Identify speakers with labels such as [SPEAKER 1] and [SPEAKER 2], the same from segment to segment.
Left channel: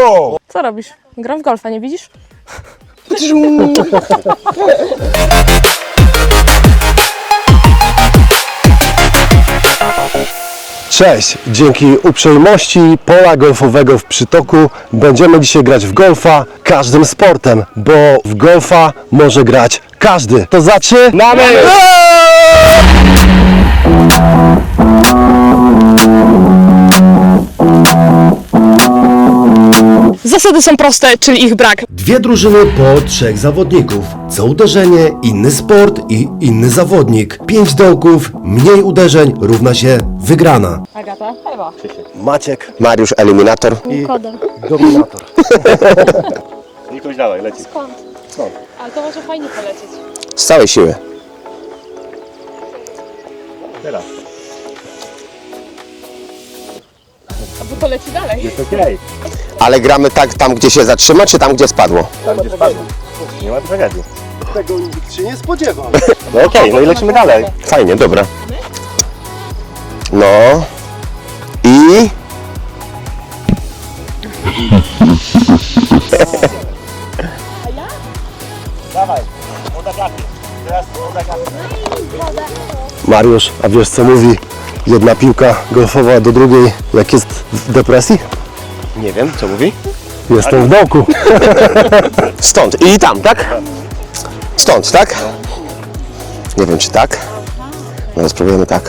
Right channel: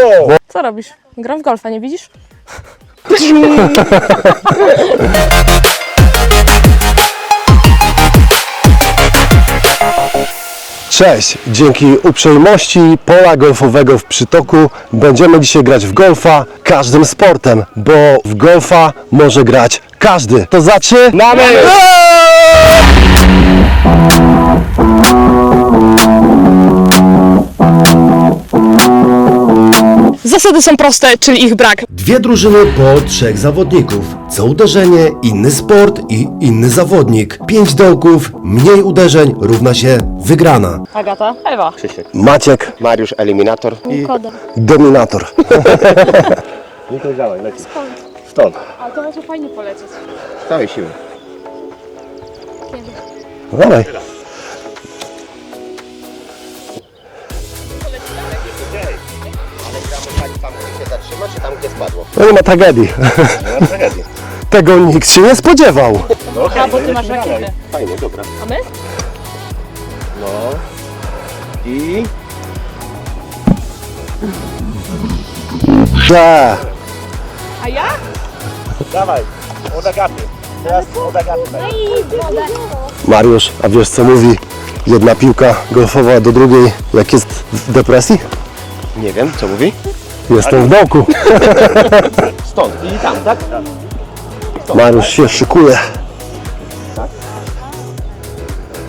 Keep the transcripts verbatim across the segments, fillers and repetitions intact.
[SPEAKER 1] Co robisz? Gram w golfa, nie widzisz?
[SPEAKER 2] Cześć! Dzięki uprzejmości pola golfowego w Przytoku będziemy dzisiaj grać w golfa każdym sportem, bo w golfa może grać każdy. To zaczynamy!
[SPEAKER 1] Zasady są proste, czyli ich brak.
[SPEAKER 2] Dwie drużyny po trzech zawodników. Co uderzenie, inny sport i inny zawodnik. Pięć dołków, mniej uderzeń równa się wygrana.
[SPEAKER 1] Agata, Ewa.
[SPEAKER 2] Maciek, Mariusz, eliminator i
[SPEAKER 1] Koda.
[SPEAKER 2] dominator.
[SPEAKER 3] Nikoś dawaj, leci. Stąd.
[SPEAKER 1] A to może fajnie polecieć.
[SPEAKER 2] Z całej siły. Dawaj.
[SPEAKER 1] Poleci dalej.
[SPEAKER 3] Jest okej.
[SPEAKER 4] Ale gramy tak tam, gdzie się zatrzyma, czy tam, gdzie spadło?
[SPEAKER 2] No nie ma tragedii.
[SPEAKER 3] Nie ma tragedii.
[SPEAKER 2] Tego nikt się nie spodziewał.
[SPEAKER 3] No okej, no i lecimy dalej.
[SPEAKER 4] Fajnie, dobra.
[SPEAKER 1] A my?
[SPEAKER 4] No. I...
[SPEAKER 2] Da.
[SPEAKER 1] A ja?
[SPEAKER 3] Dawaj, od Agaty. Teraz od Agaty.
[SPEAKER 2] Mariusz, a wiesz co mówi jedna piłka golfowa do drugiej, jak jest w depresji?
[SPEAKER 4] Nie wiem, co mówi?
[SPEAKER 2] Jestem w dołku.
[SPEAKER 4] Stąd. I tam, tak? Stąd,
[SPEAKER 2] Mariusz
[SPEAKER 4] tak?
[SPEAKER 2] się szykuje.
[SPEAKER 4] Nie wiem, czy tak. No, spróbujemy tak.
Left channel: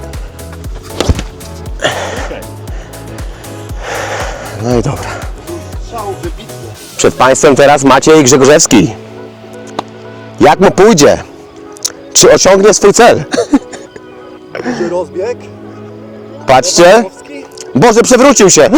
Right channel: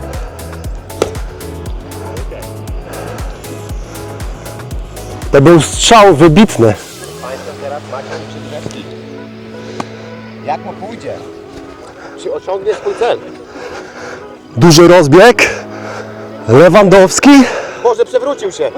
[SPEAKER 4] No i dobra.
[SPEAKER 2] To był strzał wybitny.
[SPEAKER 4] Przed Państwem teraz Maciej Grzegorzewski. Jak mu pójdzie? Czy osiągnie swój cel?
[SPEAKER 2] Duży rozbieg.
[SPEAKER 4] Patrzcie.
[SPEAKER 2] Lewandowski.
[SPEAKER 4] Boże, przewrócił się!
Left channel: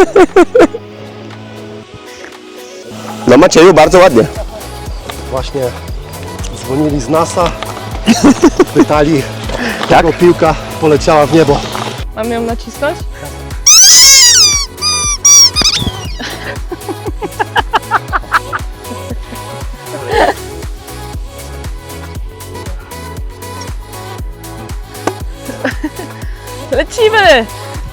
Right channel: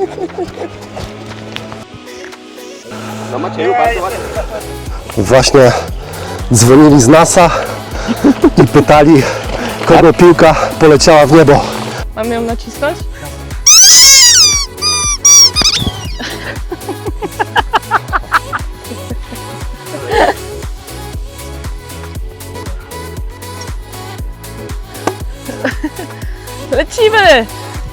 [SPEAKER 4] No Macieju, bardzo ładnie.
[SPEAKER 2] Właśnie dzwonili z NASA i pytali, kogo piłka poleciała w niebo.
[SPEAKER 1] Mam ją nacisnąć? Lecimy!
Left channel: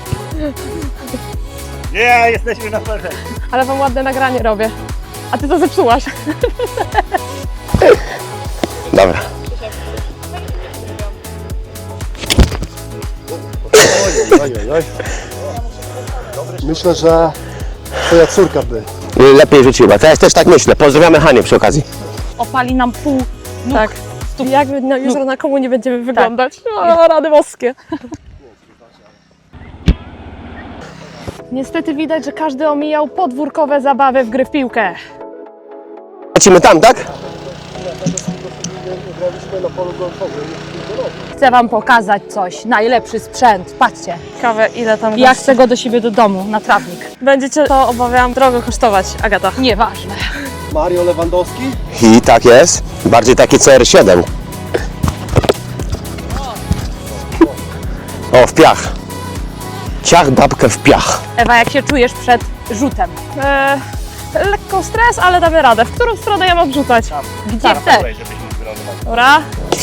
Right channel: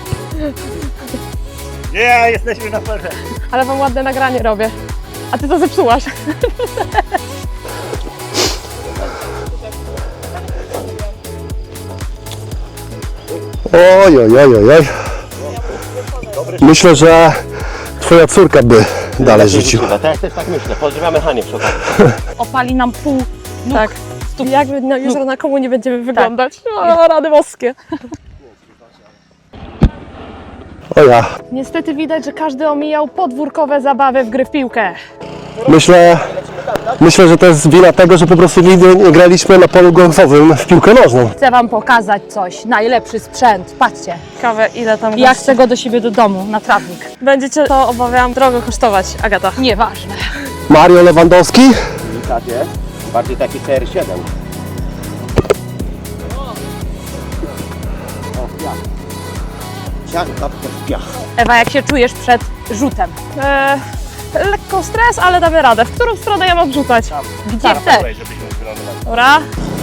[SPEAKER 3] Nie, jesteśmy na ferze.
[SPEAKER 1] Ale wam ładne nagranie robię. A ty to zepsułaś.
[SPEAKER 4] Dobra.
[SPEAKER 2] Ojej, ojej, ojej. Myślę, że twoja córka by
[SPEAKER 4] Nie, lepiej rzuciła. Teraz też tak myślę. Pozdrawiamy Hanię przy okazji.
[SPEAKER 5] Opali nam pół nóg.
[SPEAKER 1] Tak. Jak my na, jutro na komu nie będziemy wyglądać? O, rady boskie.
[SPEAKER 2] O ja.
[SPEAKER 1] Niestety widać, że każdy omijał podwórkowe zabawy w gry w piłkę.
[SPEAKER 2] Myślę,
[SPEAKER 4] Lecimy tam, tak?
[SPEAKER 2] myślę, że to jest wina tego, że po prostu nigdy nie graliśmy na polu golfowym w piłkę nożną.
[SPEAKER 5] Chcę wam pokazać coś. Najlepszy sprzęt. Patrzcie.
[SPEAKER 1] Ciekawe, ile tam
[SPEAKER 5] Ja
[SPEAKER 1] gości.
[SPEAKER 5] chcę go do siebie do domu, na trawnik.
[SPEAKER 1] Będziecie to, obawiam, drogo kosztować, Agata.
[SPEAKER 5] Nieważne.
[SPEAKER 2] Mario Lewandowski.
[SPEAKER 4] I tak jest. Bardziej taki C R siedem. O, w piach. Ciach babkę w piach.
[SPEAKER 5] Ewa, jak się czujesz przed rzutem?
[SPEAKER 1] E, lekko stres, ale damy radę. W którą stronę ja mam rzucać?
[SPEAKER 5] Gdzie chcesz?
[SPEAKER 3] Dawaj, żebyśmy wylądowali.
[SPEAKER 1] Dobra.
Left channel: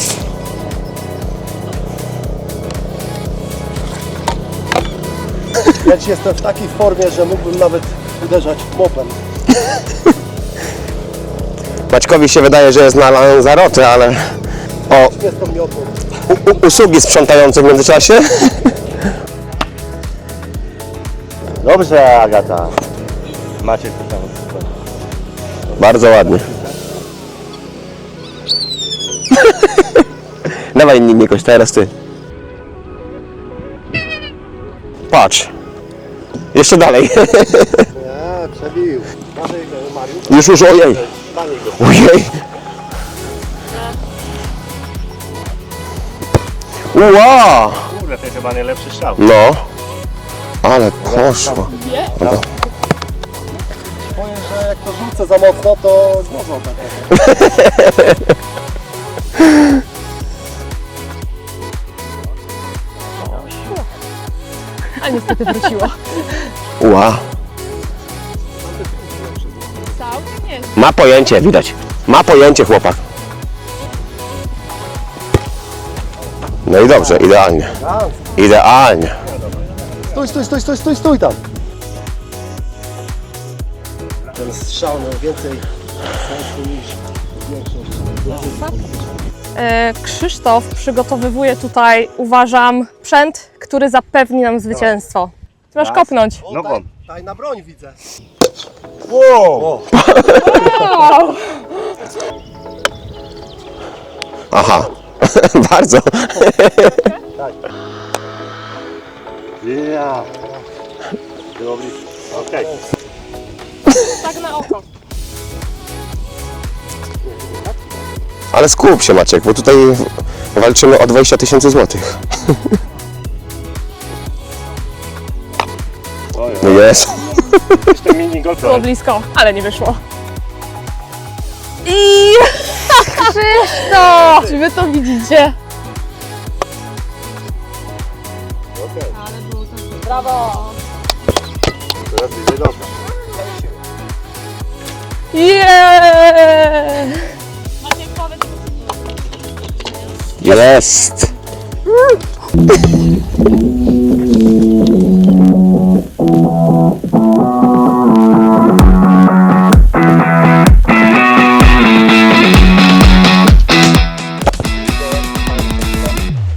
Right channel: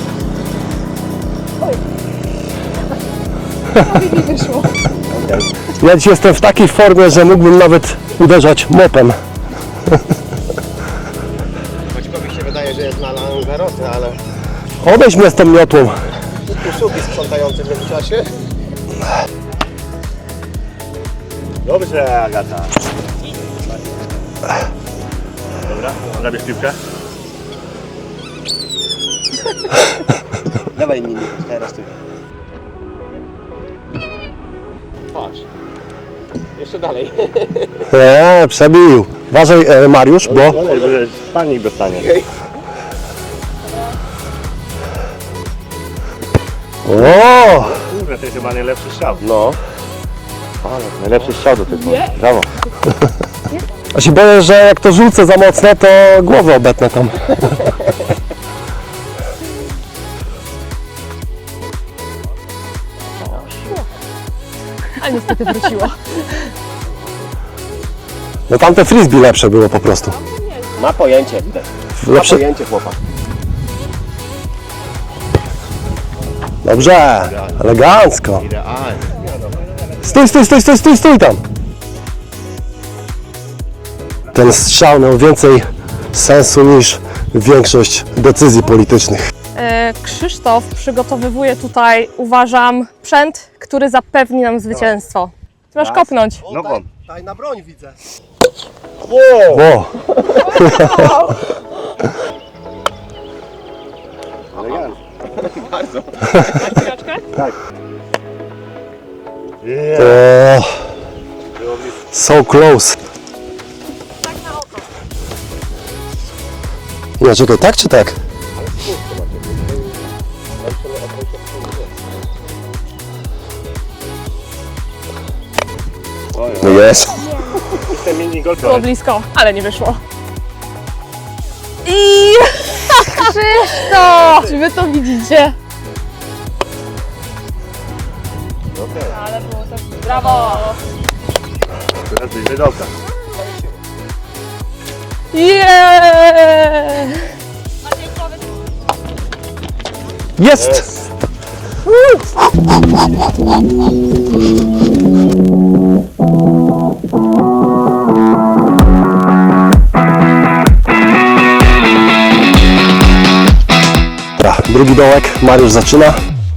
[SPEAKER 2] Ja dziś jestem w takiej formie, że mógłbym nawet uderzać mopem.
[SPEAKER 4] Maćkowi się wydaje, że jest na Lanzarote, ale
[SPEAKER 2] Odejdź mnie z tą miotłą.
[SPEAKER 4] u, usługi sprzątające w międzyczasie.
[SPEAKER 3] Dobrze, Agata. Macie tutaj.
[SPEAKER 4] Bardzo ładnie.
[SPEAKER 3] Damy piłkę?
[SPEAKER 4] Dawaj Nikoś, teraz ty. Patrz. Jeszcze dalej.
[SPEAKER 2] Nie, przebił. Uważaj, e, Mariusz.
[SPEAKER 4] Już, już, ojej.
[SPEAKER 3] Panik go.
[SPEAKER 4] Ojej.
[SPEAKER 2] Wow.
[SPEAKER 3] Kurde, to jest chyba najlepszy strzał.
[SPEAKER 4] No. Ale prosto. Brawo.
[SPEAKER 2] Ja się boję, że jak to rzucę za mocno, to głowę obetnę tam.
[SPEAKER 1] A niestety wróciło.
[SPEAKER 4] Wow.
[SPEAKER 2] No tamte frisbee lepsze było po prostu.
[SPEAKER 4] Ma pojęcie, widać. Ma pojęcie chłopak. No i dobrze, idealnie.
[SPEAKER 2] Elegancko.
[SPEAKER 4] Idealnie.
[SPEAKER 2] Stój, stój, stój, stój, stój, stój tam. Ten strzał miał więcej sensu niż większość decyzji politycznych.
[SPEAKER 1] E, Krzysztof przygotowywuje tutaj, uważam, sprzęt, który zapewni nam zwycięstwo. Ty masz kopnąć.
[SPEAKER 3] Nogą.
[SPEAKER 2] Daj na broń, widzę.
[SPEAKER 3] O!
[SPEAKER 2] O,
[SPEAKER 4] Aha, bardzo.
[SPEAKER 2] o, so close. Nie, czekaj, tak czy tak?
[SPEAKER 4] Ale skup się, Maciek, bo tutaj walczymy o dwadzieścia tysięcy złotych. No jest.
[SPEAKER 3] Ten mini golf.
[SPEAKER 1] Było blisko, ale nie wyszło. I Krzysztof! Czy wy to widzicie?
[SPEAKER 3] Teraz będzie dobra.
[SPEAKER 1] Yeah!
[SPEAKER 4] Jest.
[SPEAKER 2] Dobra, drugi dołek, Mariusz zaczyna.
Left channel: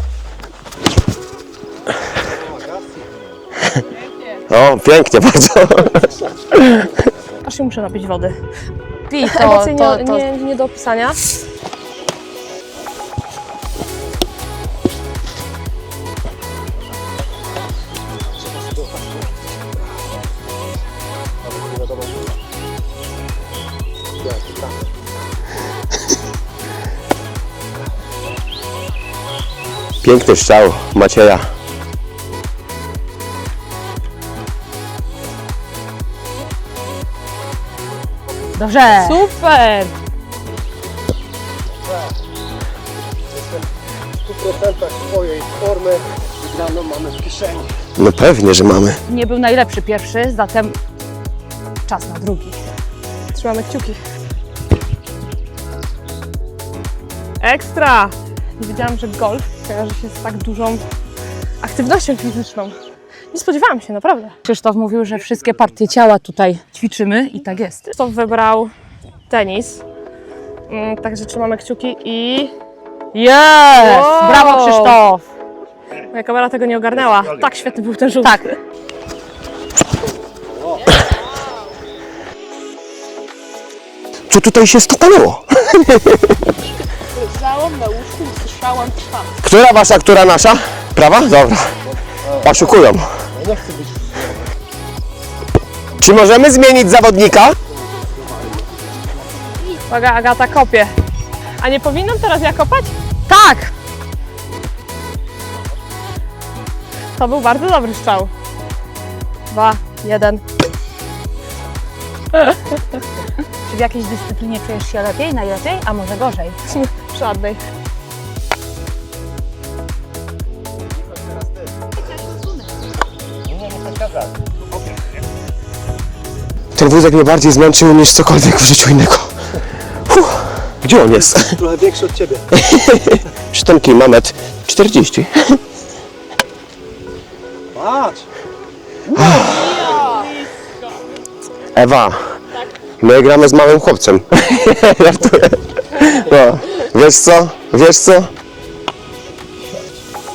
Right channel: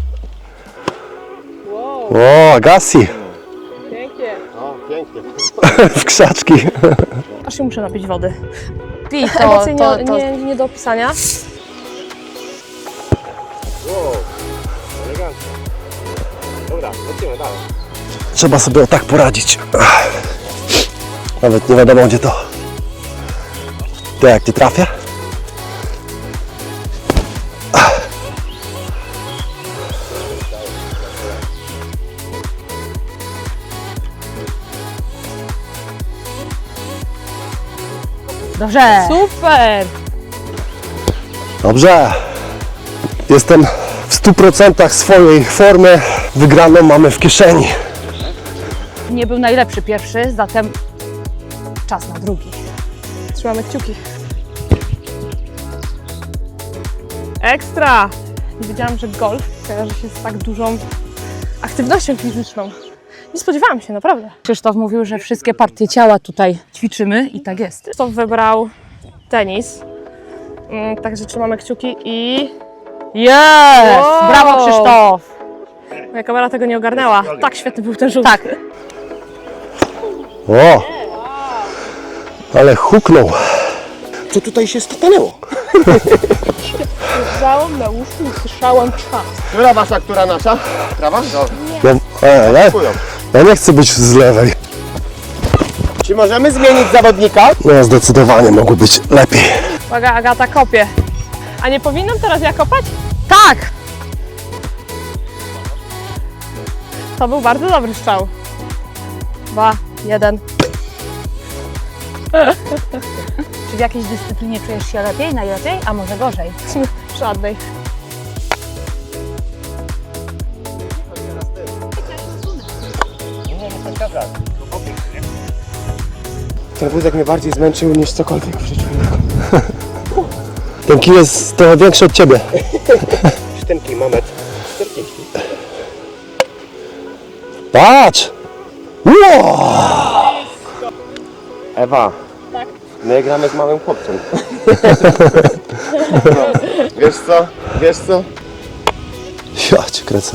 [SPEAKER 2] O, Agassi,
[SPEAKER 4] O, pięknie bardzo.
[SPEAKER 2] w krzaczki.
[SPEAKER 1] Aż się muszę napić wody.
[SPEAKER 5] Pij to,
[SPEAKER 1] Emocje nie,
[SPEAKER 5] to, to.
[SPEAKER 1] nie, nie do opisania.
[SPEAKER 2] Trzeba sobie o tak poradzić. Nawet nie wiadomo gdzie to. To jak nie trafię?
[SPEAKER 4] Piękny strzał Macieja.
[SPEAKER 5] Dobrze.
[SPEAKER 1] Super!
[SPEAKER 2] Dobrze. Jestem w stu procentach swojej formy. Wygraną mamy w kieszeni.
[SPEAKER 4] No pewnie, że mamy.
[SPEAKER 5] Nie był najlepszy pierwszy, zatem czas na drugi.
[SPEAKER 1] Trzymamy kciuki. Ekstra! Nie wiedziałam, że golf kojarzy się z tak dużą aktywnością fizyczną. Nie spodziewałam się, naprawdę.
[SPEAKER 5] Krzysztof mówił, że wszystkie partie ciała tutaj ćwiczymy i tak jest.
[SPEAKER 1] Krzysztof wybrał tenis. Mm, Także trzymamy kciuki i...
[SPEAKER 5] Jest!
[SPEAKER 1] Wow!
[SPEAKER 5] Brawo, Krzysztof!
[SPEAKER 1] Moja kamera tego nie ogarnęła. Tak świetny był ten rzut.
[SPEAKER 5] Tak.
[SPEAKER 2] O! Ale huknął.
[SPEAKER 4] Co tutaj się stanęło?
[SPEAKER 1] Słyszałam na łóżku, słyszałam czas.
[SPEAKER 4] Która wasza, która nasza? Prawa? Dobra.
[SPEAKER 2] No, e,
[SPEAKER 4] Oszukują.
[SPEAKER 2] ja nie chcę być z lewej.
[SPEAKER 4] Czy możemy zmienić zawodnika?
[SPEAKER 2] No zdecydowanie mogło być lepiej.
[SPEAKER 1] Uwaga, Agata kopie. A nie powinnam teraz ja kopać?
[SPEAKER 5] Tak!
[SPEAKER 1] To był bardzo dobry strzał. Dwa, jeden.
[SPEAKER 5] Czy w jakiejś dyscyplinie czujesz się lepiej, najlepiej, a może gorzej?
[SPEAKER 1] Żadnej.
[SPEAKER 3] Nie, nie, nie przeszkadza. To bokiem, nie?
[SPEAKER 4] Ten wózek mnie bardziej zmęczył niż cokolwiek w życiu innego.
[SPEAKER 2] Dzięki jest trochę większy od ciebie.
[SPEAKER 4] Ten kilometr czterdzieści.
[SPEAKER 2] Patrz!
[SPEAKER 4] Ewa, my gramy z małym chłopcem. No, wiesz co? Wiesz co?
[SPEAKER 2] Ja cię kręcę.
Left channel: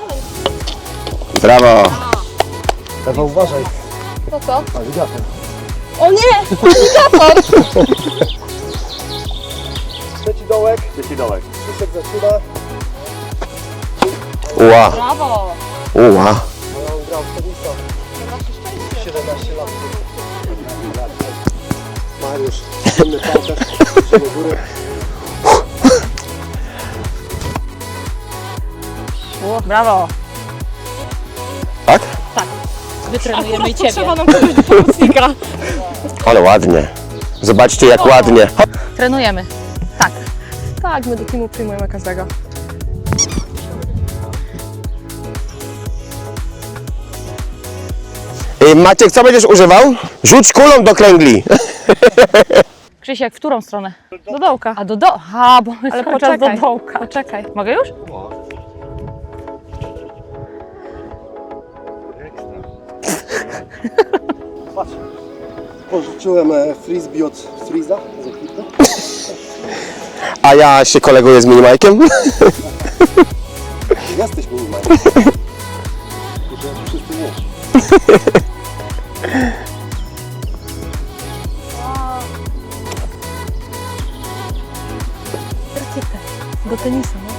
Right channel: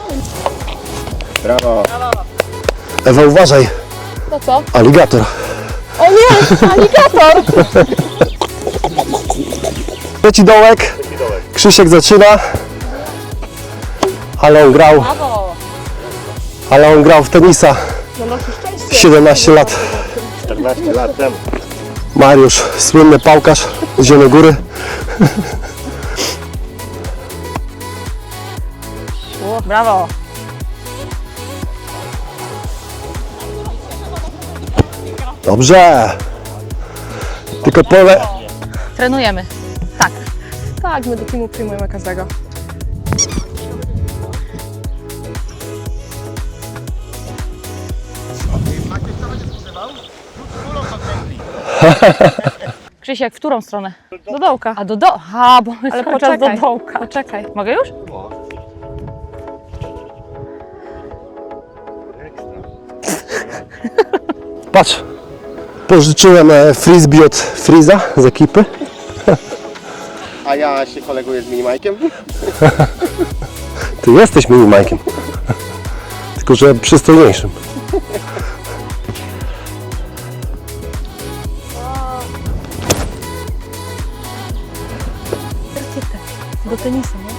[SPEAKER 4] Brawo.
[SPEAKER 2] Ewa, uważaj.
[SPEAKER 1] No co?
[SPEAKER 2] Aligator.
[SPEAKER 1] O nie! Aligator!
[SPEAKER 2] Trzeci dołek.
[SPEAKER 3] Dołek.
[SPEAKER 2] Krzysiek zaczyna. Ale on
[SPEAKER 4] Wow.
[SPEAKER 2] grał,
[SPEAKER 4] Uła.
[SPEAKER 2] ale on grał w tenisa siedemnaście lat.
[SPEAKER 3] czternaście lat temu.
[SPEAKER 2] Mariusz, słynny pałkarz z Zielonej Góry.
[SPEAKER 5] Brawo!
[SPEAKER 4] Tak?
[SPEAKER 5] Wytrenujemy Ciebie.
[SPEAKER 1] Trzeba nam kogoś do pomocnika.
[SPEAKER 2] Dobrze.
[SPEAKER 4] Ale ładnie. Zobaczcie
[SPEAKER 2] Tylko
[SPEAKER 4] jak
[SPEAKER 2] to-
[SPEAKER 4] ładnie.
[SPEAKER 5] Trenujemy. Tak.
[SPEAKER 1] Tak, my do teamu przyjmujemy każdego.
[SPEAKER 4] I Maciek, co będziesz używał? Rzuć kulą do kręgli.
[SPEAKER 5] Krzysiek, w którą stronę?
[SPEAKER 1] Do dołka.
[SPEAKER 5] A do do... A, bo
[SPEAKER 1] Ale
[SPEAKER 5] cały czas
[SPEAKER 1] poczekaj.
[SPEAKER 5] do dołka.
[SPEAKER 1] Poczekaj.
[SPEAKER 5] Mogę już?
[SPEAKER 2] Patrz. Pożyczyłem e, frisbee od Friza z ekipy.
[SPEAKER 4] A ja się koleguję z Minimajkiem.
[SPEAKER 2] Ty jesteś mini Mike. Tylko, że przystojniejszym.
[SPEAKER 1] Rakietę do tenisa, no.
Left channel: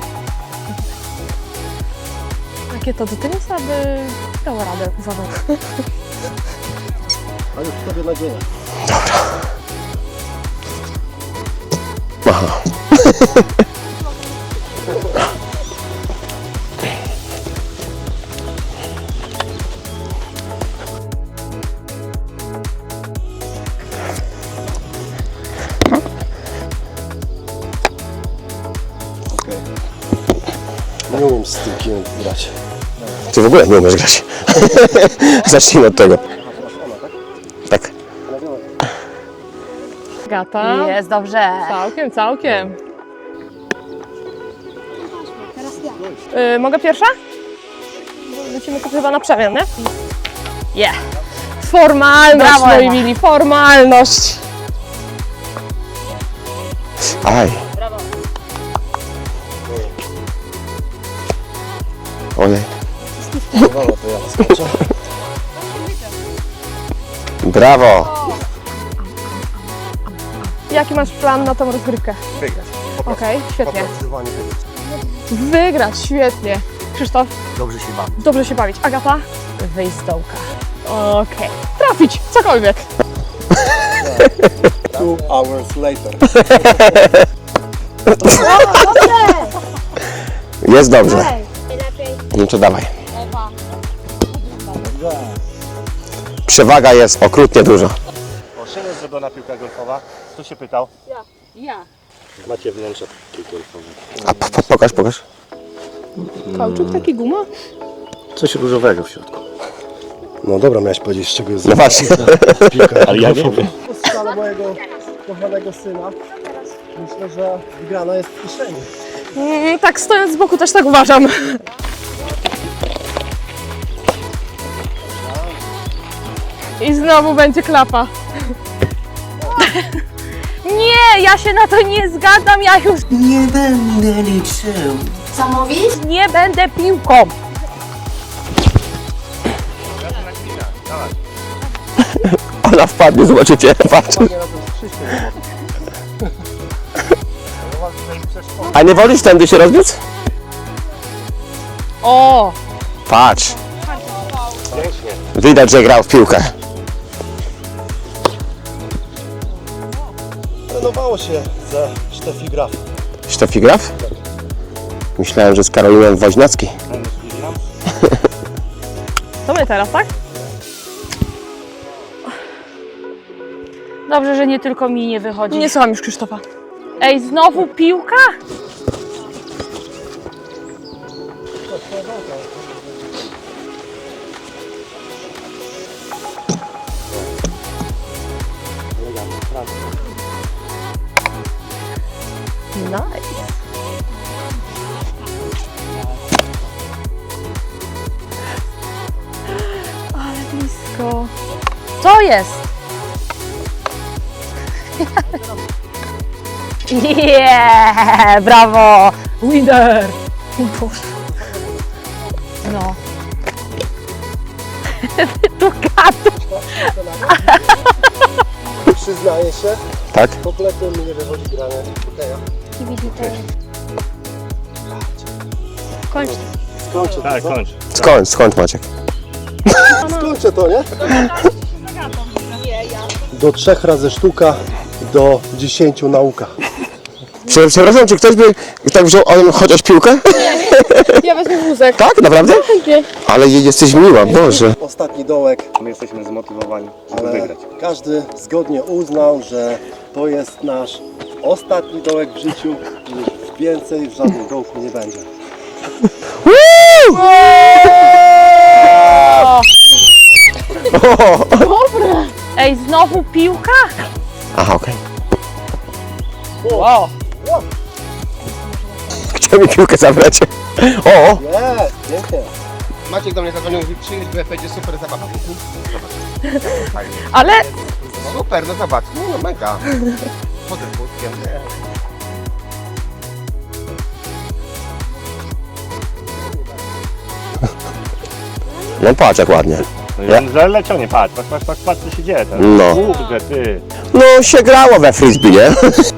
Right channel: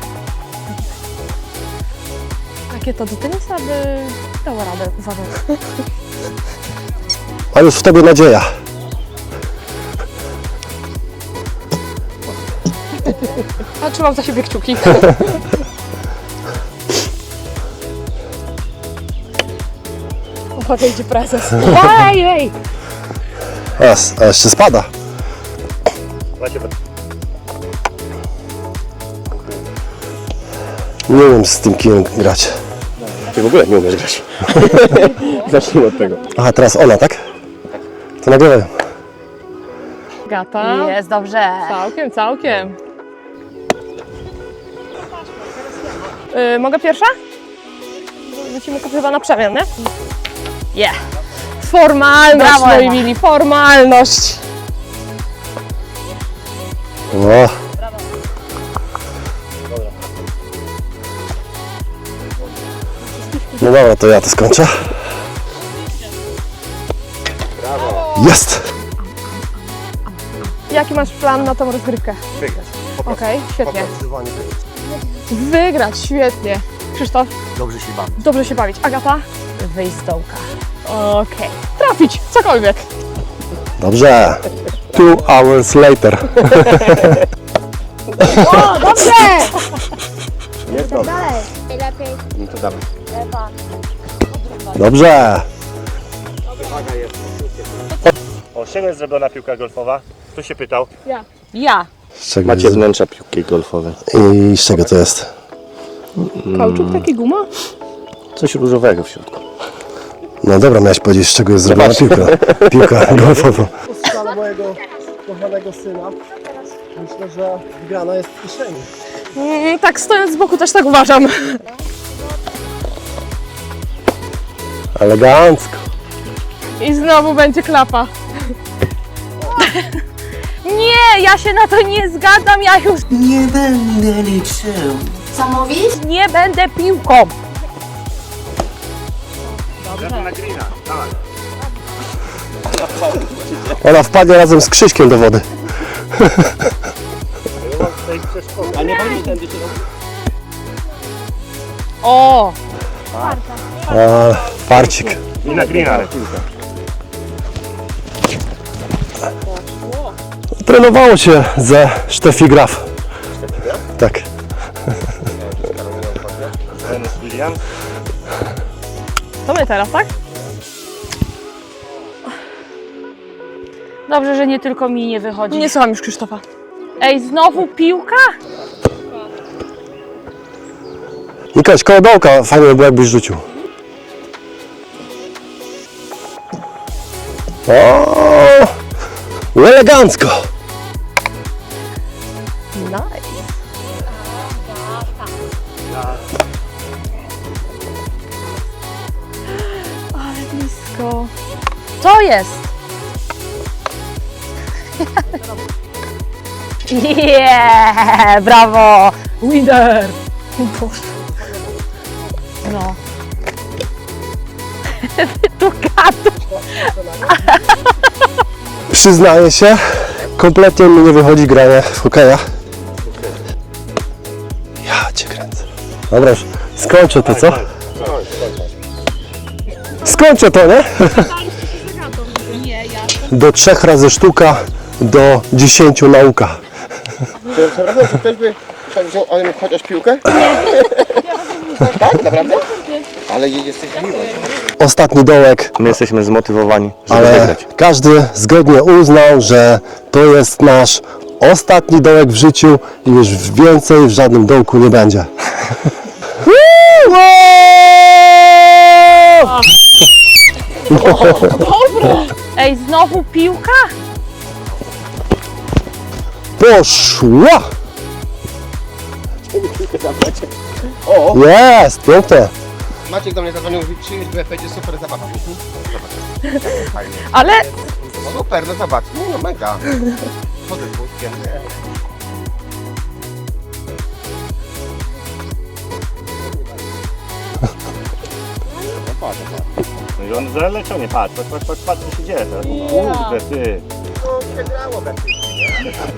[SPEAKER 1] Rakieta do tenisa by dała radę, uważam.
[SPEAKER 2] A już w tobie nadzieja.
[SPEAKER 1] A trzymam za siebie kciuki. Uwaga, idzie prezes.
[SPEAKER 5] Ej, ej!
[SPEAKER 2] A, a jeszcze spada. Nie wiem z tym kijem grać.
[SPEAKER 4] Ty w ogóle nie umiesz grać. Zacznijmy od tego.
[SPEAKER 2] Aha, teraz ona, tak?
[SPEAKER 4] Tak.
[SPEAKER 2] To nagrywam.
[SPEAKER 1] Gata.
[SPEAKER 5] Jest dobrze.
[SPEAKER 1] Całkiem, całkiem. Yy, mogę pierwsza? Lecimy sobie chyba na przemian, nie? Yeah. Formalność,
[SPEAKER 5] Brawo,
[SPEAKER 1] moi
[SPEAKER 5] Ewa.
[SPEAKER 1] mili, formalność.
[SPEAKER 4] No. Ojej.
[SPEAKER 2] No dobra, to ja to skończę.
[SPEAKER 4] Brawo.
[SPEAKER 2] Jest!
[SPEAKER 1] Jaki masz plan na tą rozgrywkę?
[SPEAKER 3] Wygrać.
[SPEAKER 1] Okej, świetnie.
[SPEAKER 3] Zdecydowanie wygrać.
[SPEAKER 1] Wygrać, świetnie. Krzysztof,
[SPEAKER 3] Dobrze się bawi.
[SPEAKER 1] dobrze się bawić. Agata?
[SPEAKER 5] Wyjść z dołka.
[SPEAKER 1] Okej. Trafić, cokolwiek.
[SPEAKER 2] Dobrze. Two hours later.
[SPEAKER 4] Jest dobrze. No to dawaj.
[SPEAKER 2] Dobrze.
[SPEAKER 4] Przewaga jest okrutnie duża.
[SPEAKER 3] O, z czego jest zrobiona piłka golfowa? Kto się pytał?
[SPEAKER 5] Ja.
[SPEAKER 2] Z czego
[SPEAKER 4] Macie
[SPEAKER 2] jest?
[SPEAKER 4] wnętrza piłki golfowej.
[SPEAKER 2] I z czego to jest?
[SPEAKER 1] Kauczuk, taki guma?
[SPEAKER 4] Coś różowego w środku.
[SPEAKER 2] No dobra, miałeś powiedzieć, z czego jest zrobiona piłka. Piłka golfowa. Po strzale mojego kochanego syna myślę, że wygrana jest w kieszeni.
[SPEAKER 1] Mm, tak, stojąc z boku też tak uważam.
[SPEAKER 2] Elegancko.
[SPEAKER 1] I znowu będzie klapa.
[SPEAKER 5] Nie, ja się na to nie zgadzam, ja już
[SPEAKER 6] Nie będę liczył.
[SPEAKER 5] co mówisz? Nie będę piłką.
[SPEAKER 4] Ona wpadnie, zobaczycie.
[SPEAKER 2] Ona wpadnie razem z Krzyśkiem do wody.
[SPEAKER 4] A nie wolisz tędy się rozbiec?
[SPEAKER 1] O!
[SPEAKER 4] Patrz.
[SPEAKER 2] A, farcik.
[SPEAKER 4] Widać, że grał w piłkę.
[SPEAKER 2] Trenowało się ze Steffi Graf.
[SPEAKER 4] Steffi Graf?
[SPEAKER 2] Tak.
[SPEAKER 4] Myślałem, że z Karolinem Woźniacki.
[SPEAKER 3] Ten William?
[SPEAKER 1] To my teraz, tak?
[SPEAKER 5] Dobrze, że nie tylko mi nie wychodzi.
[SPEAKER 1] Nie słucham już Krzysztofa.
[SPEAKER 5] Ej, znowu piłka?
[SPEAKER 2] Nikoś, koło dołka fajnie by było, jakbyś rzucił. O, elegancko.
[SPEAKER 1] Nice. Ale blisko.
[SPEAKER 5] Co jest? Yeah, brawo!
[SPEAKER 1] Winner! Boże.
[SPEAKER 5] No. Tu gadu.
[SPEAKER 2] Przyznaję się, tak, kompletnie mi nie wychodzi granie w hokeja. Ja cię kręcę. Dobra, skończę to, co?
[SPEAKER 4] Skąd, skąd Maciek?
[SPEAKER 2] Skończę to, nie? Do trzech razy sztuka, do dziesięciu nauka.
[SPEAKER 4] Prze- Przepraszam, czy ktoś by tak wziął on chociaż piłkę?
[SPEAKER 1] Ja wezmę wózek.
[SPEAKER 4] Tak, naprawdę? Ale jesteś miła, Boże.
[SPEAKER 2] Ostatni dołek,
[SPEAKER 4] My jesteśmy zmotywowani, żeby
[SPEAKER 2] ale
[SPEAKER 4] wygrać.
[SPEAKER 2] każdy zgodnie uznał, że to jest nasz ostatni dołek w życiu i już więcej w żadnym dołku nie będzie.
[SPEAKER 5] Ej, znowu piłka?
[SPEAKER 4] Aha, okej.
[SPEAKER 2] Poszła!
[SPEAKER 4] Chciał mi piłkę zabrać. O!
[SPEAKER 2] Jest, pięknie.
[SPEAKER 7] Maciek do mnie zadzwonił, mówi przyjdź, bo ja będzie super zabawa.
[SPEAKER 1] Ale
[SPEAKER 4] Super, no zobacz, no mega. Chodzę z wózkiem. No patrz jak ładnie.
[SPEAKER 3] Że leciał, nie patrz, patrz, patrz, patrz, patrz co się dzieje teraz.
[SPEAKER 4] No.
[SPEAKER 3] Kurde, ty.
[SPEAKER 4] No się grało we frisbee, nie?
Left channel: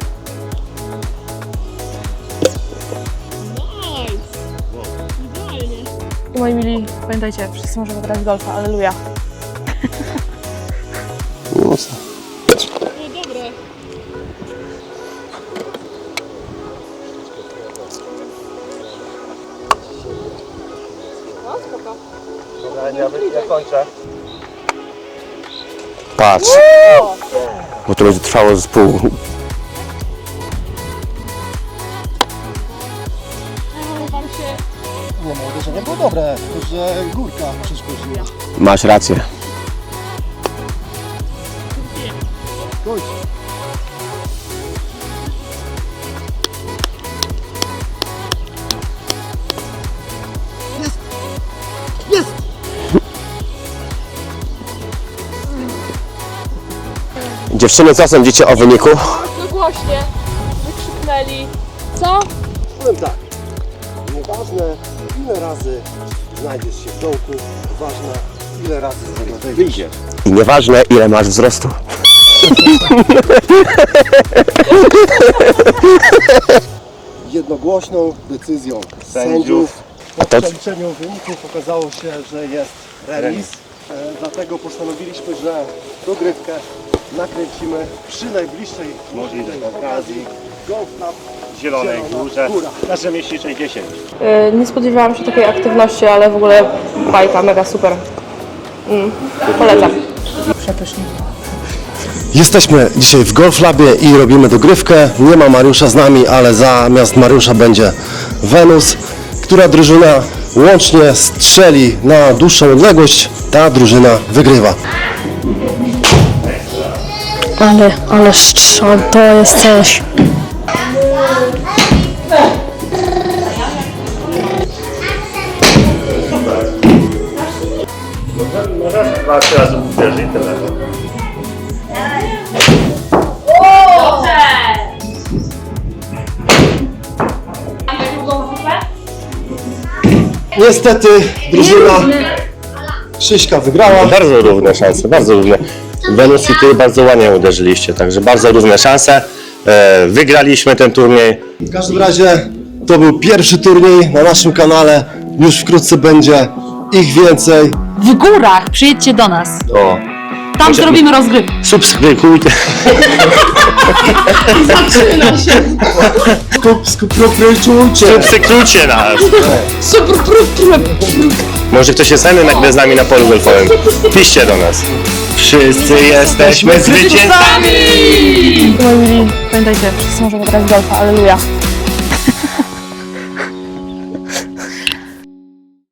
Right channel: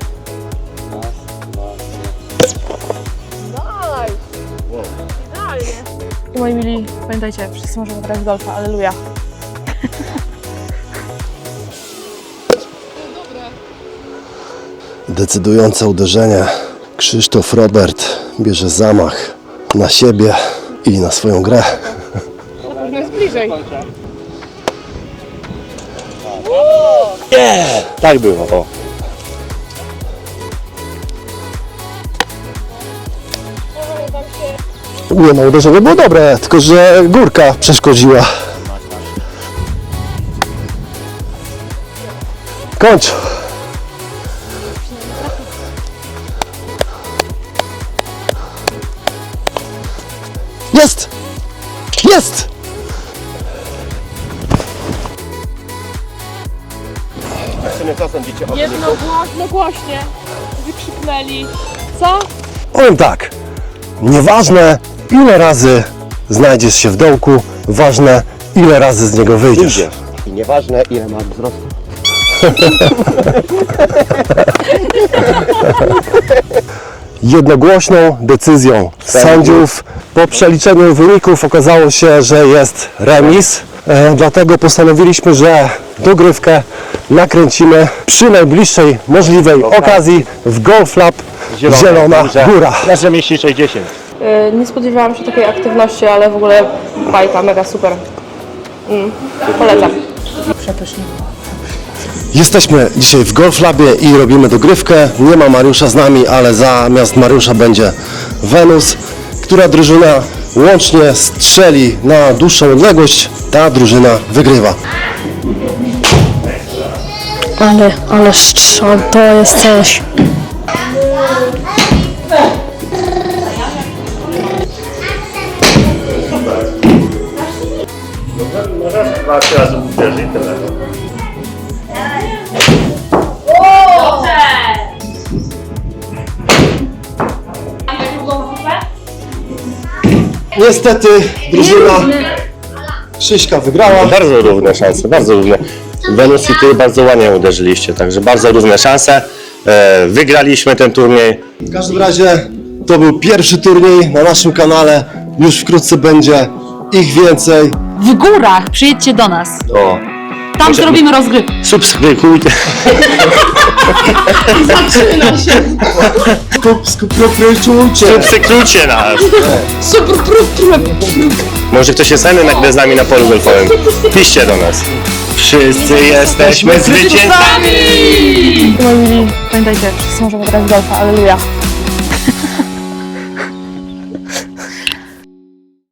[SPEAKER 1] I moi mili, pamiętajcie, wszyscy możemy grać w golfa, alleluja.
[SPEAKER 2] Decydujące uderzenie. Krzysztof Robert bierze zamach na siebie i na swoją grę.
[SPEAKER 4] Patrz. Bo to już trwało z pół.
[SPEAKER 2] Nie no, uderzenie było dobre, tylko że górka przeszkodziła.
[SPEAKER 4] Masz rację.
[SPEAKER 2] Kończ! Jest! Jest!
[SPEAKER 4] Dziewczyny, co sądzicie o wyniku?
[SPEAKER 1] No właśnie, wykrzyknęli. Co?
[SPEAKER 2] Powiem tak, nieważne ile razy znajdziesz się w dołku, ważne ile razy z niego wyjdziesz.
[SPEAKER 4] I nieważne ile masz wzrostu.
[SPEAKER 2] Jednogłośną decyzją sędziów po przeliczeniu wyników okazało się, że jest remis. E, dlatego postanowiliśmy, że dogrywkę nakręcimy przy najbliższej możliwej okazji w Golf Lab Zielona Góra.
[SPEAKER 3] Nasze mieści sześćdziesiąt.
[SPEAKER 1] Yy, nie spodziewałam się takiej aktywności, ale w ogóle bajka, mega super. Mm, polecam.
[SPEAKER 5] Przepysznie.
[SPEAKER 2] Jesteśmy dzisiaj w Golf Labie i robimy dogrywkę. Nie ma Mariusza z nami, ale zamiast Mariusza będzie Wenus. Która drużyna łącznie strzeli na dłuższą odległość, ta drużyna wygrywa.
[SPEAKER 1] Ale, ale strzał, to jest coś.
[SPEAKER 3] Możesz dwa, trzy razy uderzyć, tyle.
[SPEAKER 2] Niestety drużyna Krzyśka wygrała.
[SPEAKER 7] Bardzo równe szanse, bardzo równe. Wenus i ty bardzo ładnie uderzyliście, także bardzo równe szanse. E, wygraliśmy ten turniej.
[SPEAKER 2] W każdym razie to był pierwszy turniej na naszym kanale. Już wkrótce będzie ich więcej.
[SPEAKER 5] W górach przyjedźcie do nas.
[SPEAKER 7] O,
[SPEAKER 5] Tam zrobimy rozgrywkę.
[SPEAKER 7] subskrybujcie.
[SPEAKER 2] Subskrybujcie.
[SPEAKER 7] Subskrybujcie nas. Może ktoś jest chętny nagle z nami na polu golfowym. Piszcie do nas. Wszyscy jesteśmy zwycięzcami!
[SPEAKER 1] I moi mili, pamiętajcie, wszyscy możemy grać w golfa, alleluja.